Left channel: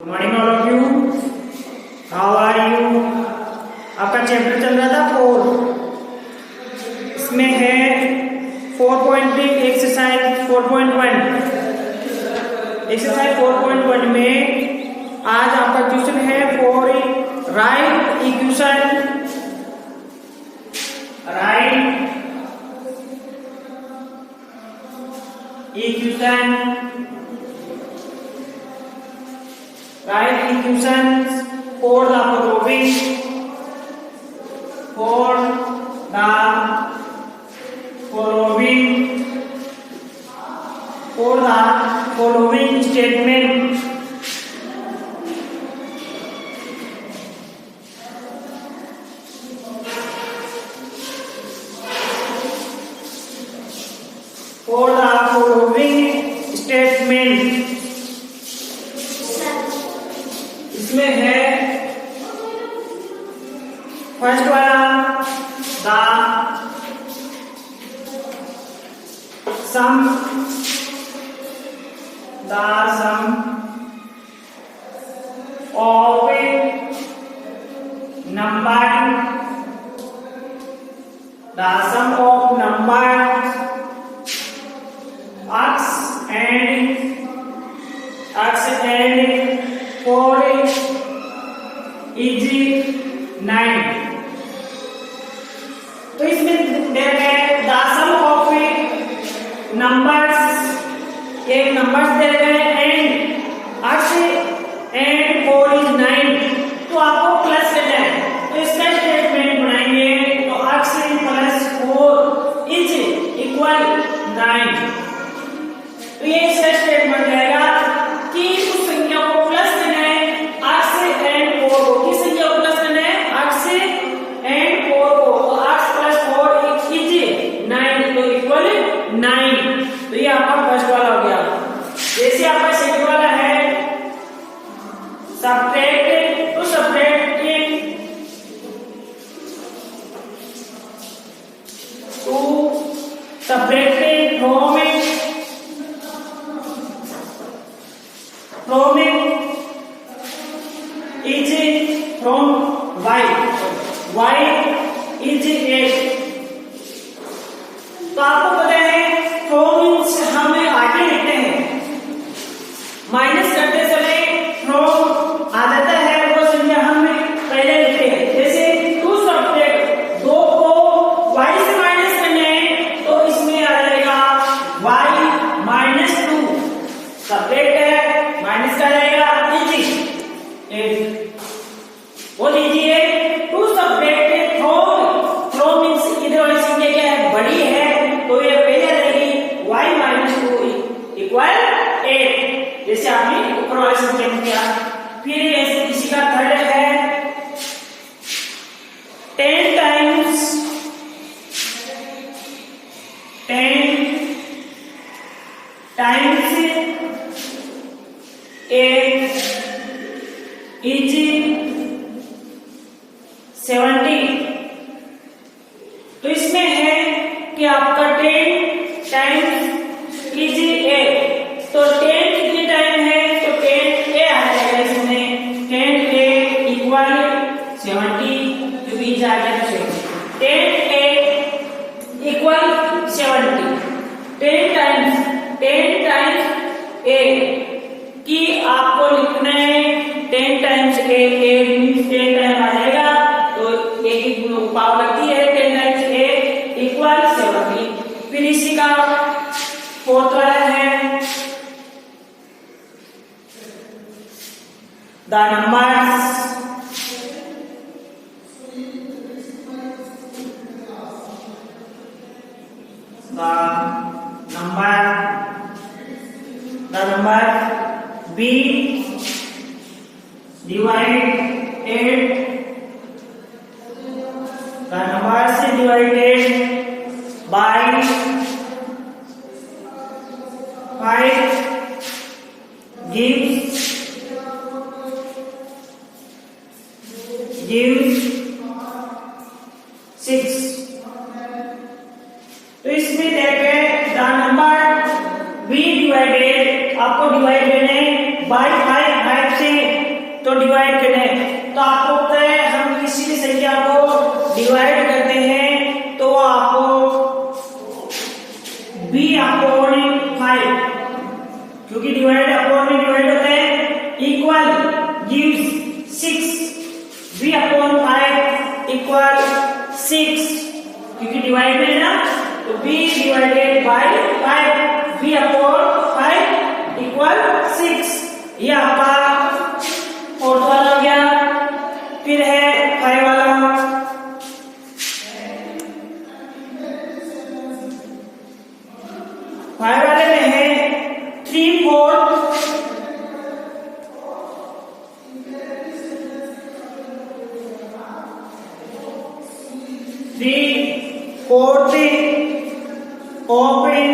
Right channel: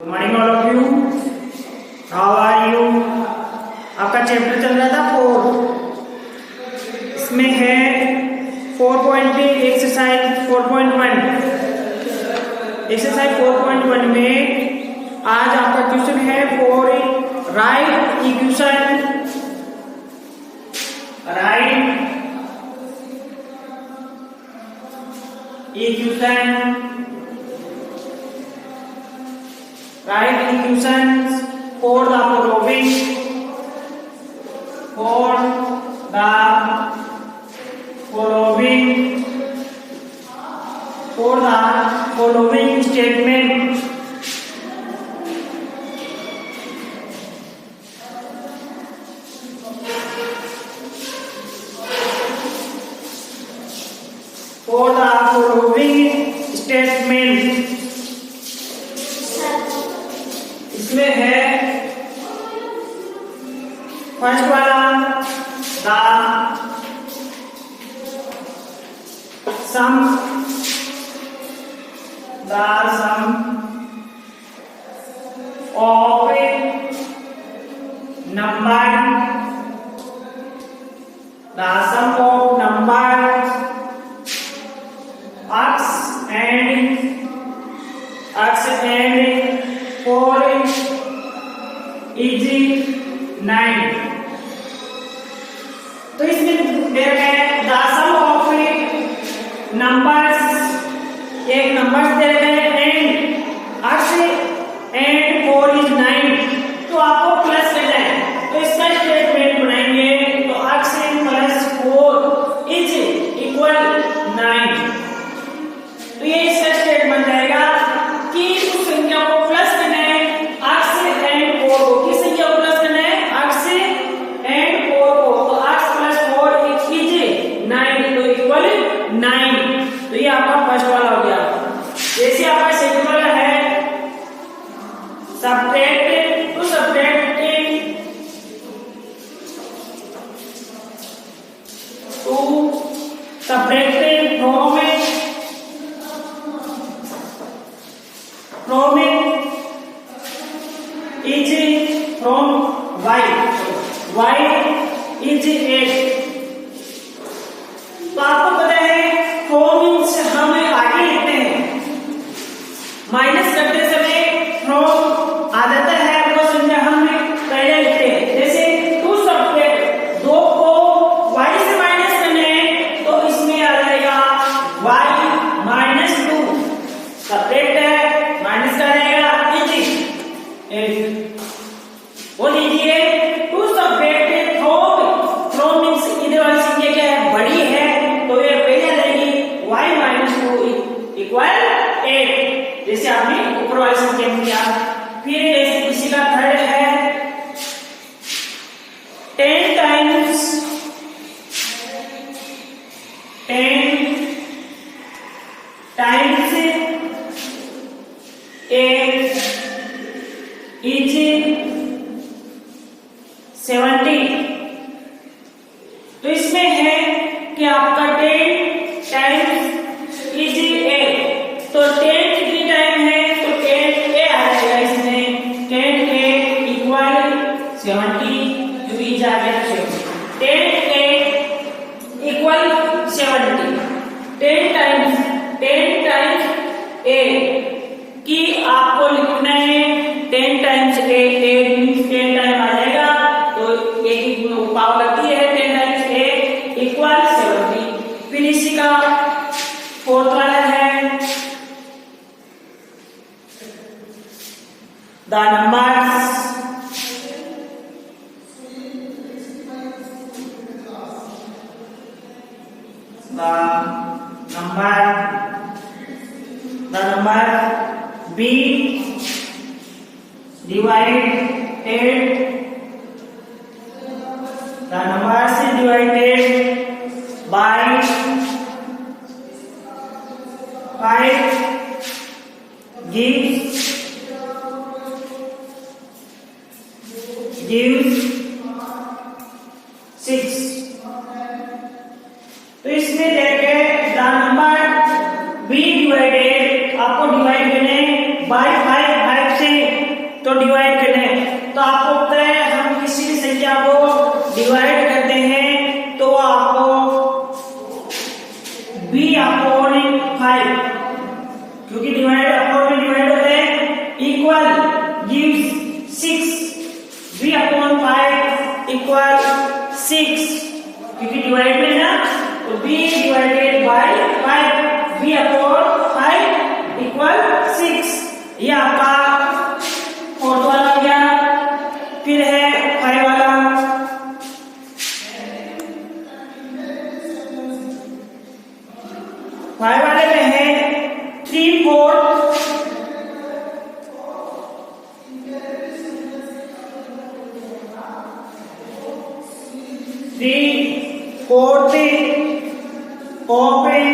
Good morning all of you, how are you. आपका chapter चल रहा था 4, इसमें है 4.3 एक्सरसाइज 4.1। एक्सरसाइज 4.1 में आज आपका क्वेश्चन है for right equation, Write equations for the following statement. For the following statement. इसमें है फर्स्ट वाला the sum of numbers x and 4 is 9। तो इसमें है द सम ऑफ नंबर्स, एक नंबर्स दे रहे हैं एंड x एंड 4 is 9, तो आपको प्लस देना है। तो इसका स्टेटमेंट बनाएंगे तो x प्लस 4 इज इक्वल 9। तो ये इसका स्टेटमेंट जाएगा कि उस संख्या को प्लस देना है x एंड 4 को। किस संख्या को प्लस देना है? x एंड 4 को। तो x प्लस 4 इज 9, तो इक्वल 9। तो ये आपका फर्स्ट वाला हो गया। जैसे आपका सेकंड वाला है सब्ट्रैक्ट, तो subtracting from is from y is 8। तो आपको पता है फ्रॉम हम आगे लिखते हैं, माइनस करते समय फ्रॉम आ जाता है, वो संख्या हम पहले लिखते हैं। जैसे 2 सब्ट्रैक्ट 2 को y से माइनस करना है तो इसमें आ जाएगा y माइनस 2। सब्ट्रैक्ट है माइनस का रहेगा इजी 8। वो लीजिए 2 सब्ट्रैक्ट फ्रॉम मींस इधर वाली संख्या क्या है? बड़ी है, तो ये पहले आ जाएगी y माइनस 2 इक्वल 8, जैसे आपने ऊपर वाली संख्या में किया। फिर इसी का थर्ड है 10 टाइम्स 8 इज 70। तो इसमें है कि आपका 10 टाइम्स इज 8, तो 10 कितनी टाइम है? तो 10 a आ जाएगा इसमें, 10 a इक्वल 70, जो इज आ जाएगा 10 a इक्वल 70। 10 टाइम्स a की आपको लिखना है 10 टाइम्स a 10 टाइम आ जाएगा, तो एक ही पावर लगती है 10 टाइम्स a इक्वल 70। फिर इसी का फोर्थ वाला है the numbers b divided by 5 gives 6। तो इसमें देखें द नंबर b डिवाइडेड, आपको डिवाइड करना है बाय 5 से तो डिवाइड करें तो आपको पता है हम किसी भी संख्या को डिवाइड करते हैं तो आपको b अपॉन 5, क्योंकि डिवाइड अपॉन में डिवाइड होते हैं, equal gives 6, b upon 5 equal 6, क्योंकि डिवाइड में है ना, तो b divided by 5, b upon 5 equal 6। ये आपका फोर्थ वाला हो गया। फिर है 5 वाला, 5 वाले में है 3/4, 3/4 open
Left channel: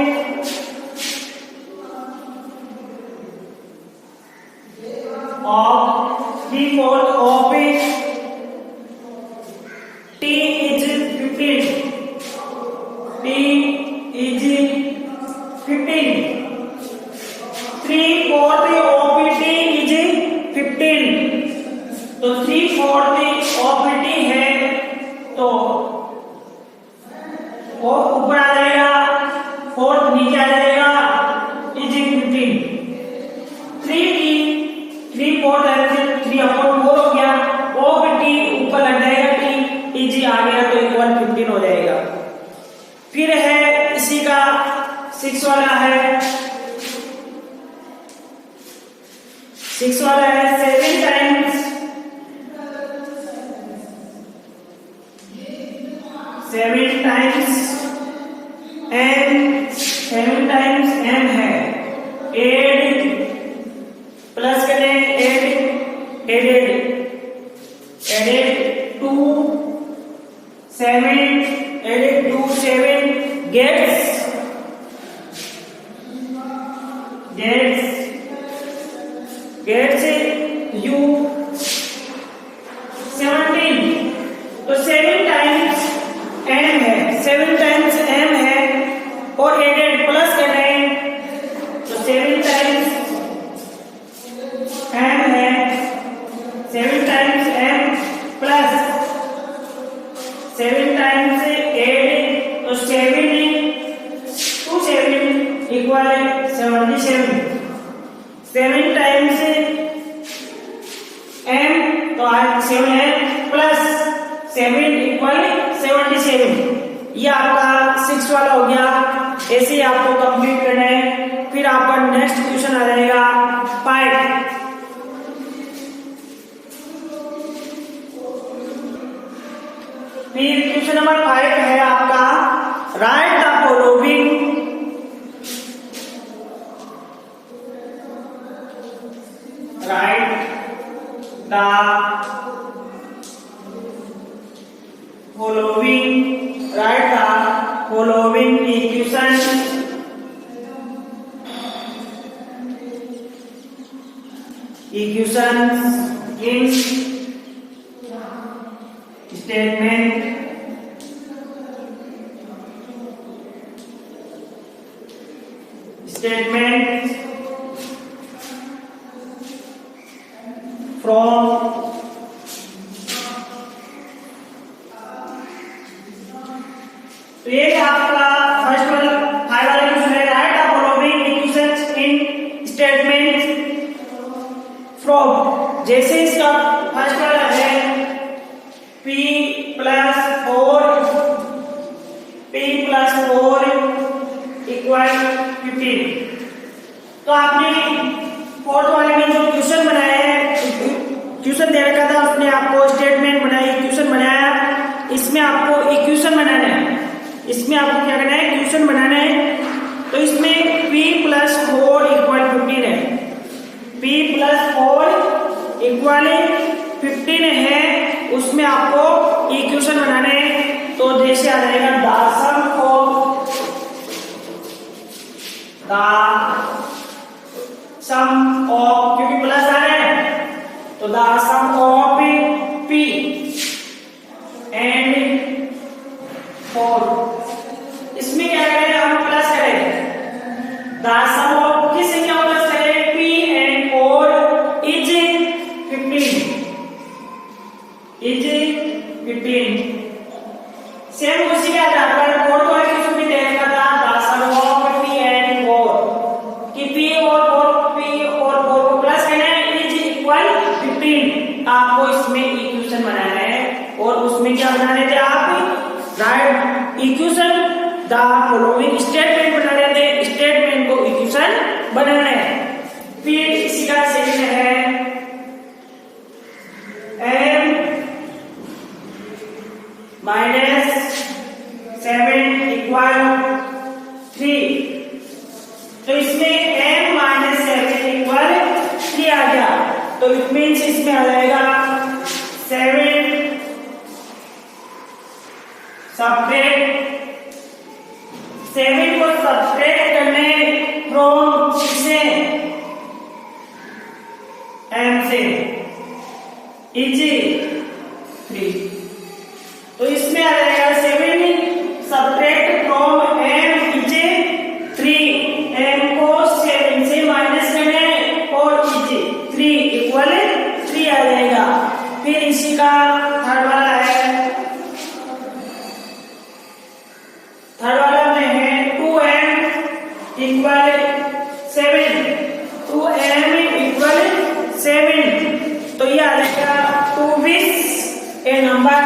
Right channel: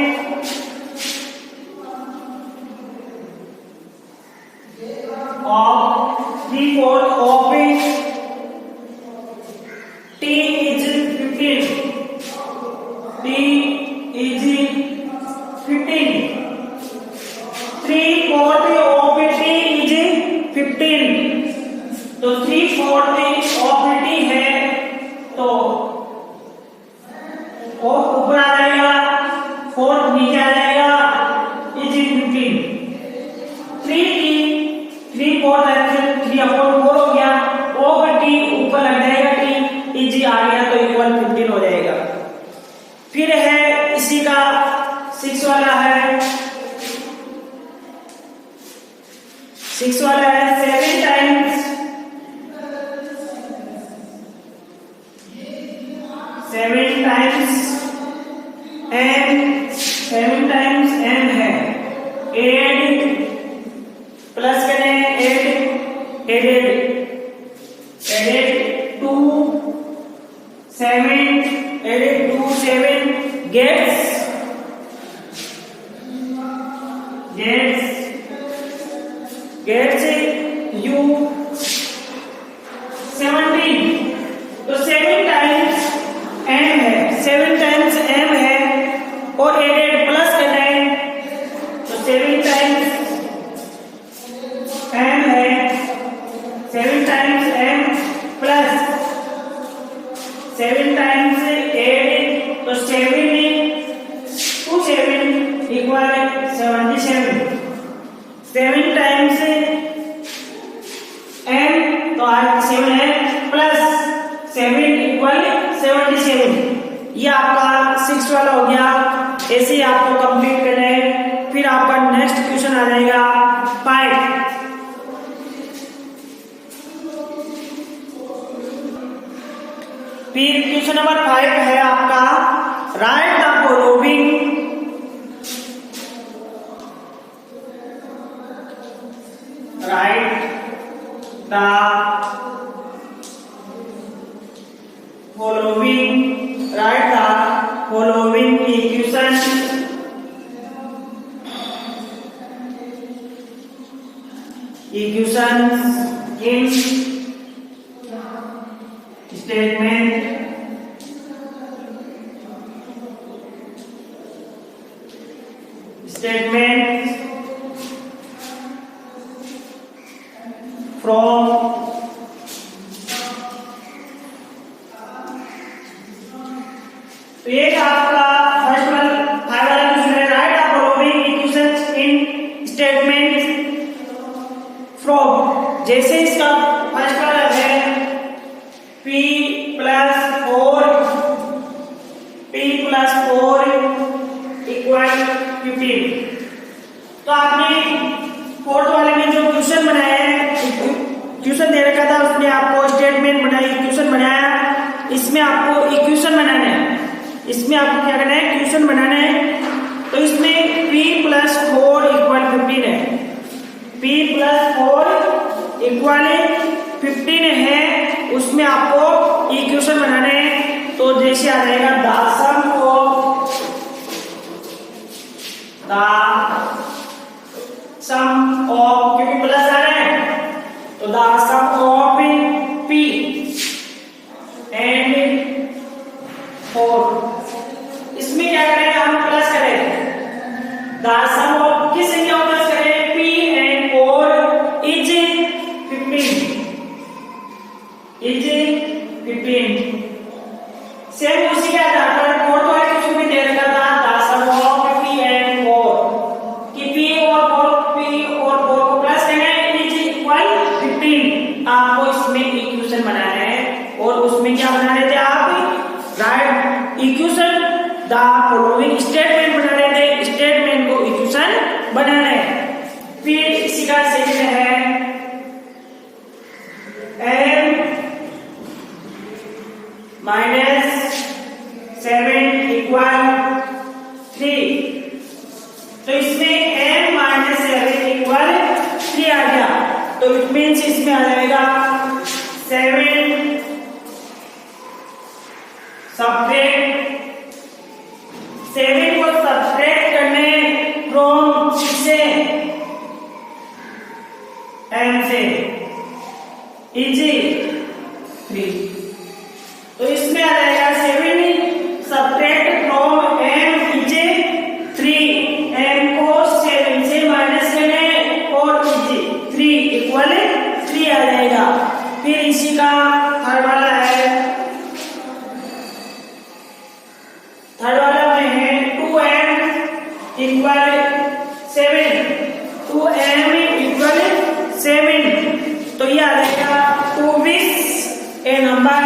of 3/4 open, t is 15, t is 15, 3/4 of t is 15, तो 3/4 of t है तो फोर्थ ऊपर आ जाएगा, फोर्थ नीचे आ जाएगा, इज 15, 3/4 हो गया, ऑफ टी ऊपर लग जाएगा, टी इज आ गया तो इक्वल 15 हो जाएगा। फिर है इसी का 6 वाला है, 6 वाला है 7 times 7 times m, 7 times m है 8 प्लस करें 8 एडेड 2 7 एडेड 2 7 गेट्स u 17, तो 7 टाइम्स m है, 7 टाइम्स m है और एडेड प्लस करें तो 7 टाइम्स m है, 7 टाइम्स m प्लस 7 टाइम्स 8 तो 7 2 7 इक्वल 77, 7 टाइम्स m तो 7 है प्लस 7 इक्वल 77। ये आपका 6 वाला हो गया। ऐसे ही आपको कंप्लीट करना है। फिर आपका नेक्स्ट क्वेश्चन आ जाएगा 5। फिर क्वेश्चन नंबर 5 है आपका right the following equations in statement from तो ये आपका फर्स्ट वाला 5 वाला क्वेश्चन है right the following equations in statement from. जैसे इसका फर्स्ट वाला है p प्लस 4 इक्वल 15। तो आपने फोर्थ वाले में जो क्वेश्चन बनाया है, क्वेश्चन दे रखा था, उसने आपको स्टेटमेंट बनाई, क्वेश्चन बनाया, इसमें आपको इक्वेशन बनाना है। इसमें आपको क्या करना है, क्वेश्चन बनाना है। तो इसमें p प्लस 4 इक्वल 15 है, p प्लस 4 इक्वल 15 है, उसमें आपको इक्वेशन बनाने हैं। तो जैसे आ जाएगा सम ऑफ क्योंकि प्लस आ रहा है तो the sum of p and 4। इसमें क्या करेंगे, हम प्लस करेंगे द सम ऑफ किस संख्या को प्लस करेंगे, p and 4 is 15। Is 15। Same उसी के आधार पर फोर्थ वाले क्वेश्चन में दे रखा था द सम ऑफ 50 एंड 4 कि p और 4 को प्लस करना है इज इक्वल 15। आपको इसमें इक्वेशन बनाना है और उसमें क्या बना रहे थे आप right equation the following statement बना रहे थे, स्टेटमेंट को इक्वेशन बनाना है। फिर इसी का सेकंड है m माइनस 7 इक्वल 3। तो इसमें m माइनस 7 इक्वल 3 आ गया, तो इट मीन्स इसमें आ जाएगा 7 को सब्ट्रैक्ट करने फ्रॉम से m से इज 3। तो इसमें आ जाएगा 7 subtract from m is 3। m को 7 से माइनस करने और इज 3 इक्वल 3 आ जाएगा। फिर इसी का थर्ड वाला है, थर्ड वाला में है 2m इक्वल 7। 2m इक्वल 7 तो ये आ जाएगा 2 a number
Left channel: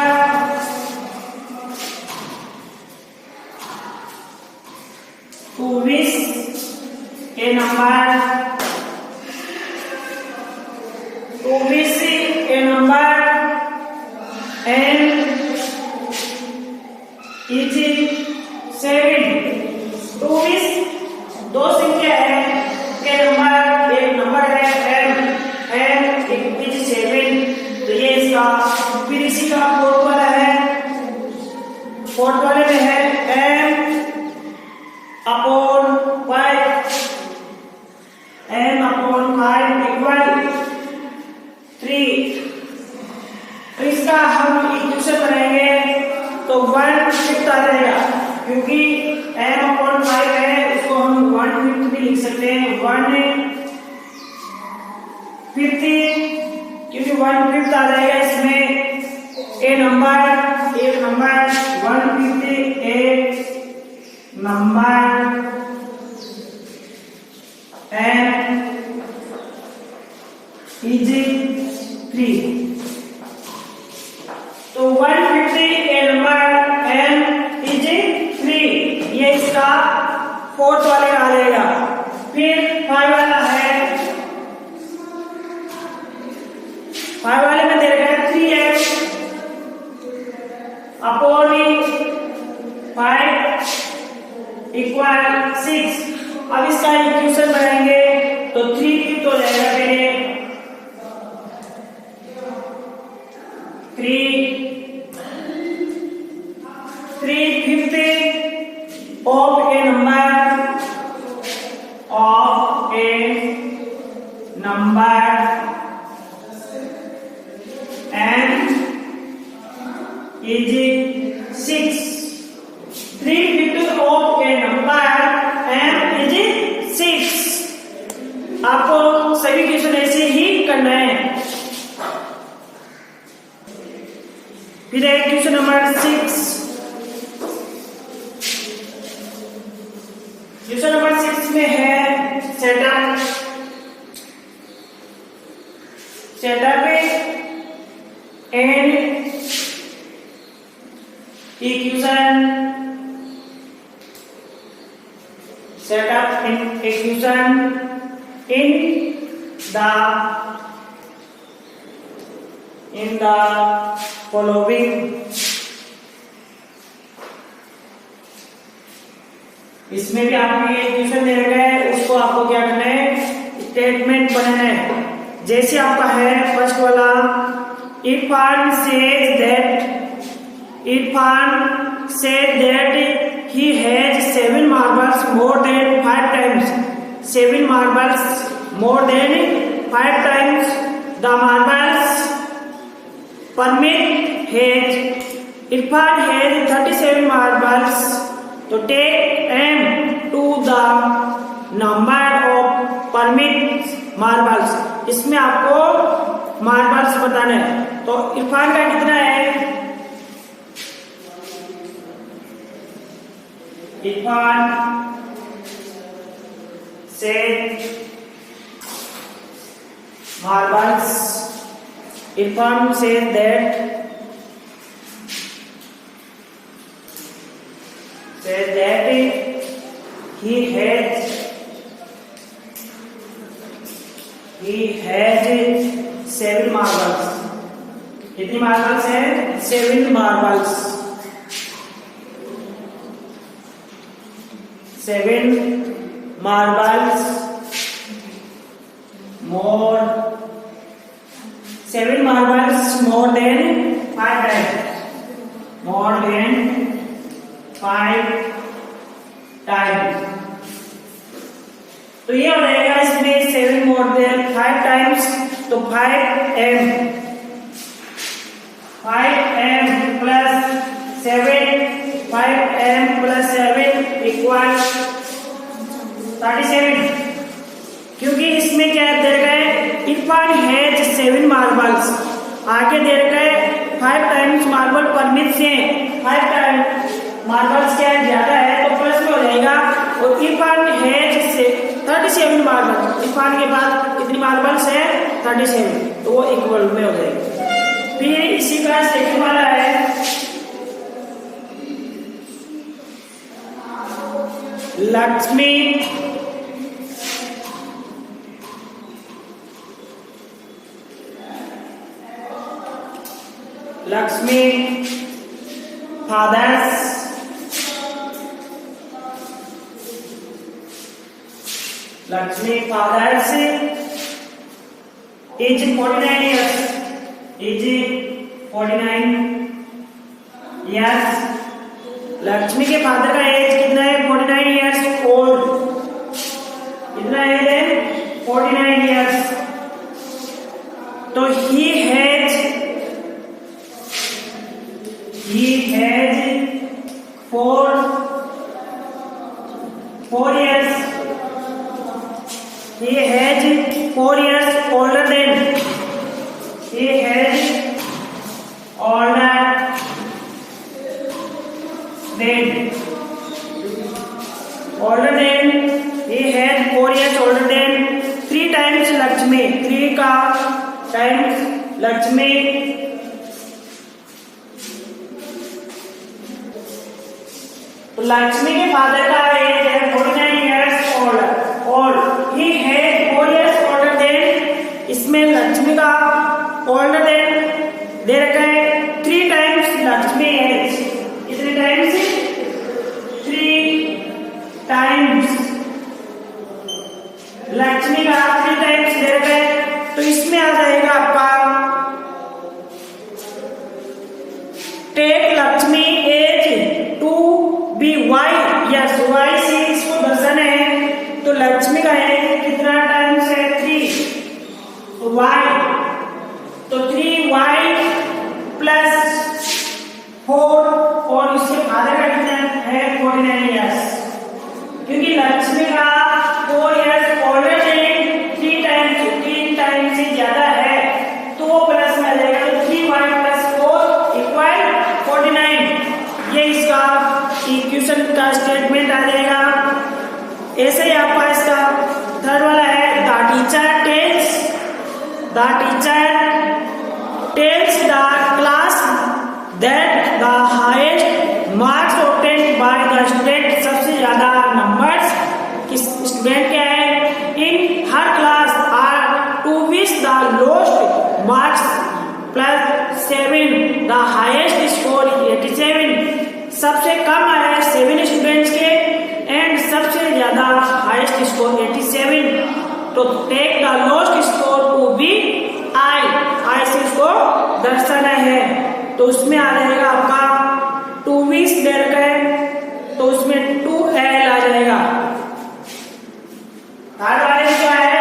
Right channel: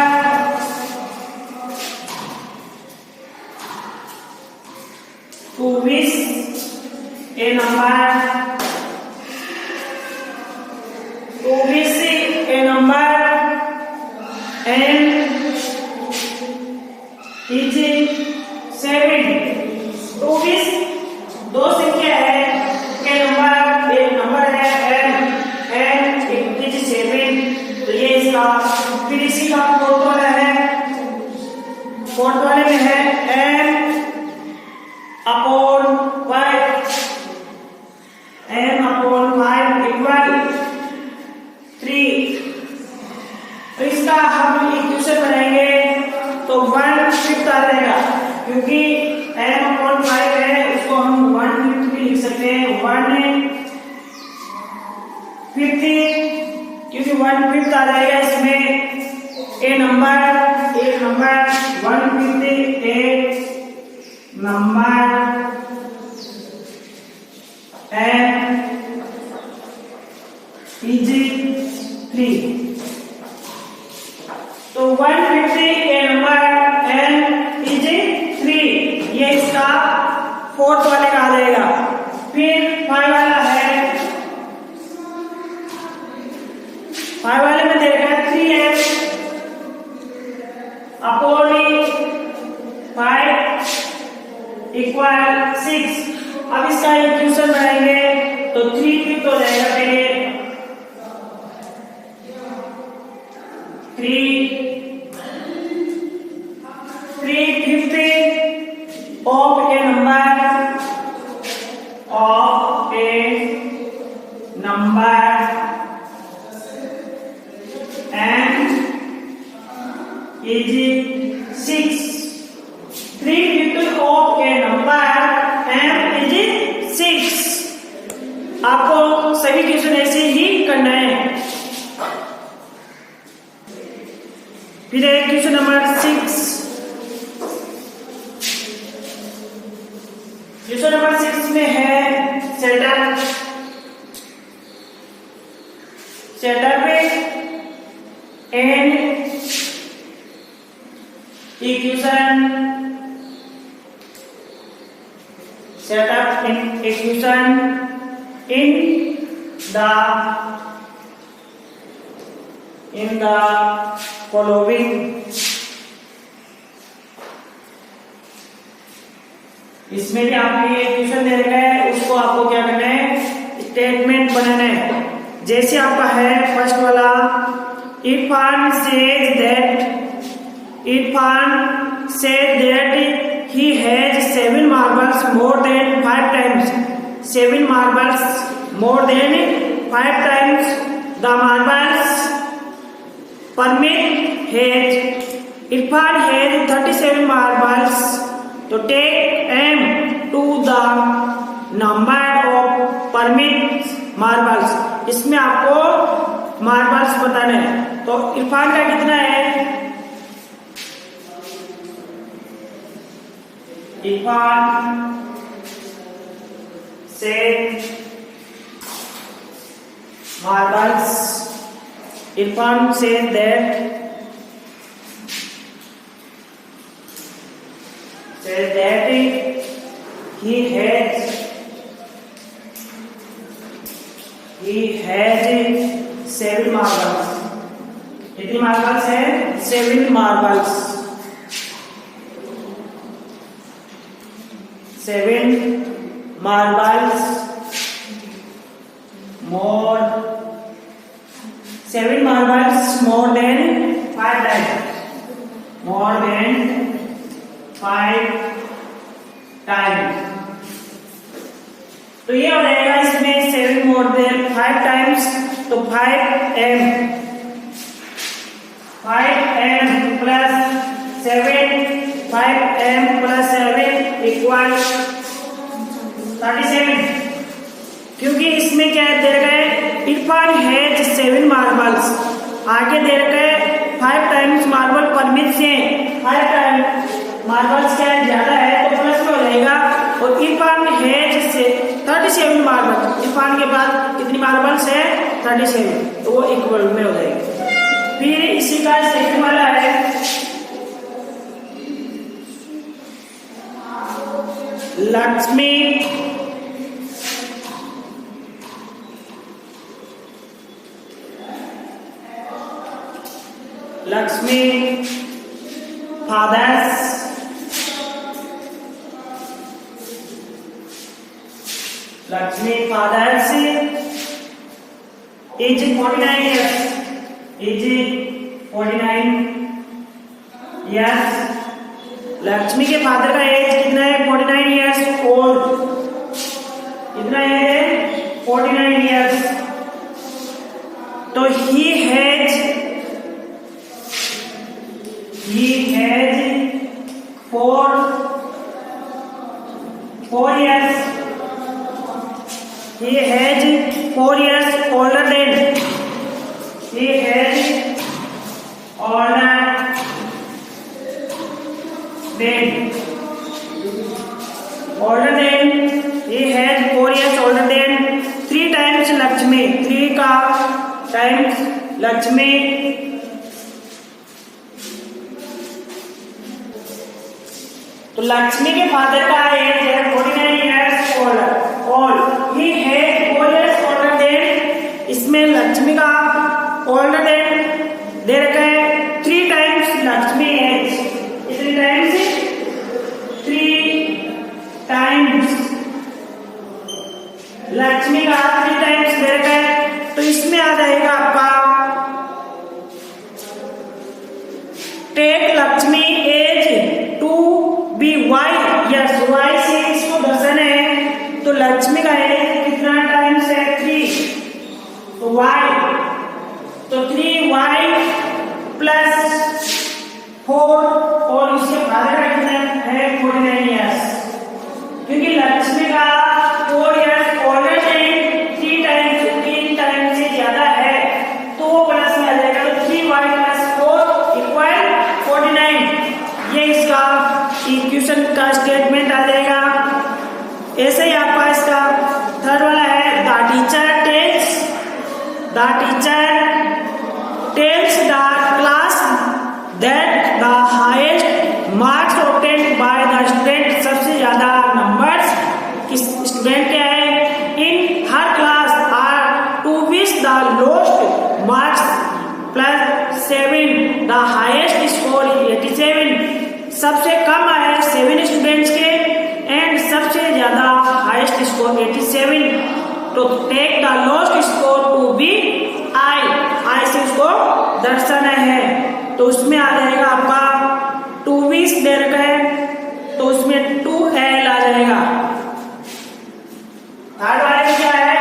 2 a number 2 a number n is 7। 24 दो संख्या है के नंबर एक नंबर है n इज 7। तो ये इसका फिर इसी का फोर्थ वाला है, फोर्थ वाले में है n अपॉन 5 इक्वल 3। तो इसका हम इक्वेशन बनाएंगे तो 1/5 आ जाएगा, क्योंकि n अपॉन 5 है उसको हम 1/5 भी लिख सकते हैं 1/50, क्योंकि 1/5 आ जाएगा इसमें एक नंबर 1/50 एक नंबर n इज 3। तो 150 के नंबर n इज 3 ये इसका फोर्थ वाले का आ जाएगा। फिर 5 वाला है, 5 वाले में देगा 3x अपॉन 5 इक्वल 6। अब इसका इक्वेशन बनाएंगे तो 3/5 हो जाएगा पहले 3/50 of A number n is 6। 3/50 of A number n is 6। आपको सभी क्वेश्चन ऐसे ही करना है। फिर है क्वेश्चन नंबर 6। क्वेश्चन नंबर 6 में है setup and equation, setup equation in the following। इसमें भी आपको ये इक्वेशन दे रखा है, उसको आपको क्या करना है स्टेटमेंट बनाना है। जैसे आपका है फर्स्ट वाला Irfan said that he has 7 marbles more than 5 times 7 marbles more than 5 times the marbles permit has Irfan has 37 marbles, so take m to the number of permit marbles। इसमें आपको मार्बल्स बताने हैं। तो इरफान का कितना है? इरफान से marbles. Irfan said that he has 7 marbles. कितनी मार्बल्स है? 7 marbles. 7 marbles more 7 marbles more than 5 times. More than 5 times. तो ये हो जाएगा इसमें 7 more than 5 times, तो 5m plus 7 5m plus 7 equal 37। क्योंकि इसमें क्या दे रखा है? इरफान हैज 7 मार्बल्स, आगे दे रखा है 5 टाइम्स मार्बल परमिट से 5 टाइम्स मार्बल्स क्या ज्यादा है तो प्लस में हो जाएगा। और इरफान हैज 37 मार्बल, इरफान के पास कितनी मार्बल्स है? 37, तो वो इक्वल में हो जाएगा। फिर इसी का सेकंड वाला है Lakshmi fathers is 49 years. Lakshmi के फादर का एज कितना है? 49 years old। कितना एज है? 49 years। तो he has 4 years। He has 4 years older than he has older than he has 4 years older than 3 times Lakshmi. 3 का टाइम्स लक्ष्मी। तो लक्ष्मी के फादर का एज है 49 years old। He had 4 years older than, इसमें लक्ष्मी का older than दे रखा है 3 times लक्ष्मी एज। कितने टाइम्स? 3 times लक्ष्मी का 3 times दे रखा है। तो इसमें आ जाएगा आपका टेक लक्ष्मी as to be Y. Yes, Y से इसको दर्शन है। तो लक्ष्मी का एज कितना टाइम्स है? 3। तो वाई, तो 3y प्लस 4 और इसके फादर का कितना है? 49 years। क्योंकि लक्ष्मी का 4 years ऑलरेडी 3 टाइम्स से ज्यादा है तो वो प्लस में आ जाएगा। तो 3y प्लस 4 इक्वल 49। ये इसका इक्वेशन का स्टेटमेंट आ जाएगा। ऐसे ही आपका इसका थर्ड वाला है the teacher tells the class that the highest marks obtained by the student, सबसे ज्यादा नंबर्स किस स्टूडेंट क्या है in her class are two which the lowest marks plus 7 the highest score 87। सबसे कम आए 7 स्टूडेंट्स के एंड सबसे ज्यादा हाईएस्ट स्कोर 87। तो take the lowest score to be I से इसको दर्शाना है। तो उसमें आ जाएगा आपका 2 दे रखा है तो उसमें 2L आ जाएगा। थर्ड वाले क्या है?